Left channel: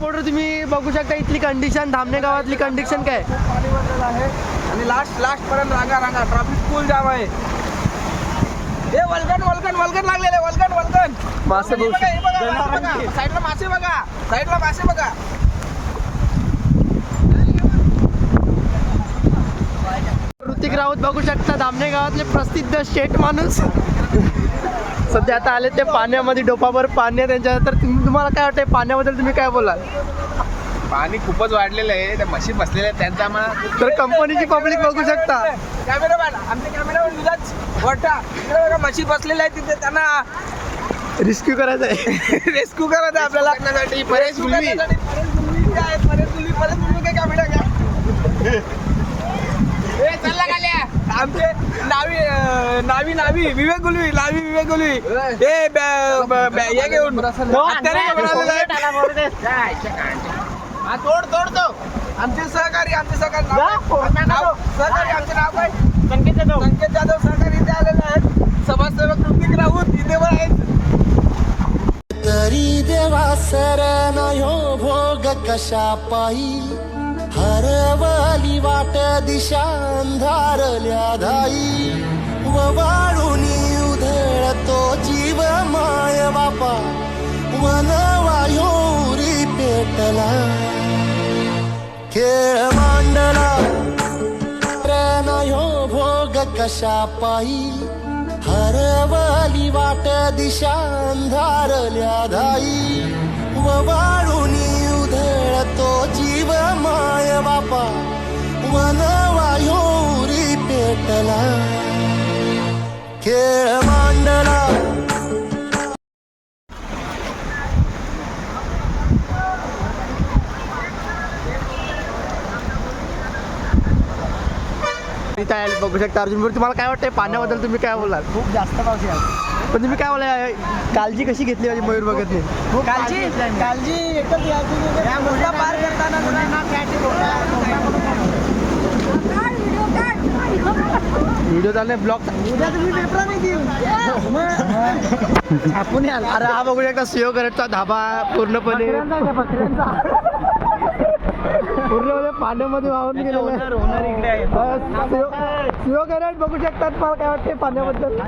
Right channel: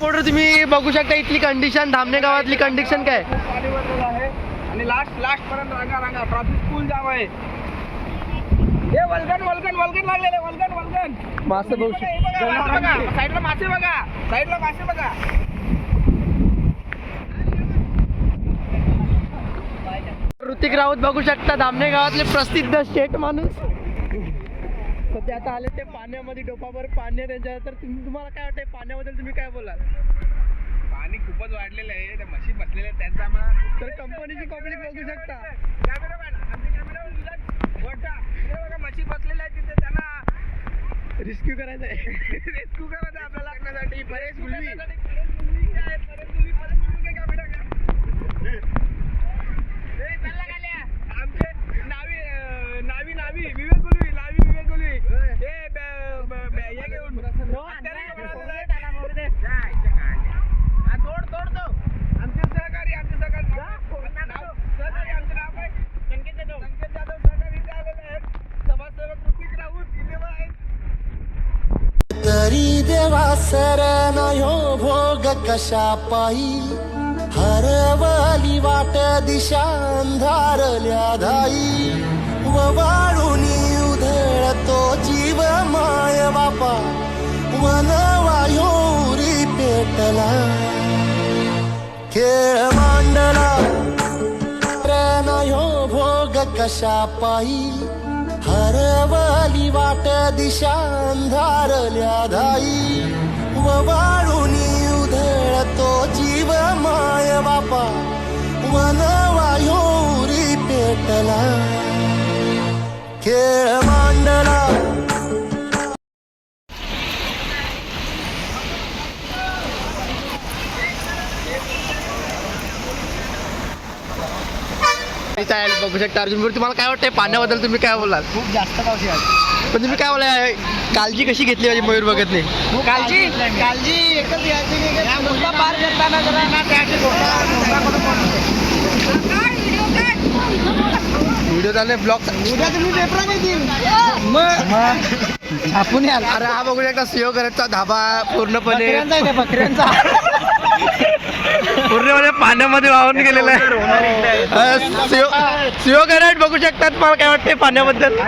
मित्रांनो तुम्ही बघू शकता इथली कंडिशन धामणे गावातली कंडिशन काय? पाणी भरलेलं आहे आणि लास्ट लास्ट पर्यंत रांगा रांगा. ट्रॉफिक फुल जाम आहे. हे वलगन वलगन वलगन लागलेले वलगन वलगन मासे बघू बघा, साईडला मासे बघा. साईडला मासे बघा. ऋतिक राऊत बघू शकता धामणे गावातले प्रसिद्ध शेठ माणूस. सध्या आता आले ते पाण्यामध्ये डोपावर पाणी आहे त्यांच्या तर तुम- तुम्हाला काय वाटतंय पाण्याबद्दल तुम्ही काय बोलाल? पाणी खूपच वाढलेलं आहे. त्या म्हशी बसलेल्या आहेत, त्यांचा आम्हाला तर कंपनीची पब्लिक बघू शकता. कॅमेरामॅन आमचे कॅमेरामॅन तुझाच मोठा इकडे बघा म्हशी बसलेल्या आहेत तिथे त्यांना रिस्क्यू करायचं आहे. रेस्क्यू करायचं आहे आपल्याला. परेश गुलवी काय आहे? नावी नावी विवेक गुलवी नावी विवेक गुलवी. हे ब- ब- ब- हे घेऊन. हा, तोड तोड तो. आमचे सहकारी आमचे सहकारी सहकारी आमचे नाव काय संकेत जाधव संकेत जाधव सहकारी इथे आलेले आहेत. समाजसेवक ऋतिक राऊत इथे पण आहेत. तरी देवा शरण हो भोग कशा पायी हरवली वाट दिशा अंधारल्या धाई. व वाळून उधळतो जीव माय बापा. वन वायोरी पेटला. खेळ मांडला. प्रेम यो भोग कशा पायी? हरवली वाट दिशा अंधारल्या धाई व उधळतो जीव माय बापा. वन वायोरी पेटला. खेळ मांडला बघू शकता अर्जुनपूर तुम्हाला काय वाटतंय पाण्याबद्दल तुम्ही काय बोलाल खूप जास्त पाऊस आहे आज. पण तुम्ही काय बोलाय काळजी कशी घेतली पाहिजे मयूर बघत नाही खूप काळजी काळजी एकच घ्यायची की पार करताना मुलींना चालले ब्लॉग अरे हा बघू शकता सिओ करटचा धाबा पूर्णपणे. पूर्णपणे पाण्यामध्ये वाहून गेलेला आहे. सिओ करट बघू शकतात तुम्हाला काय वाटतंय पाण्याबद्दल?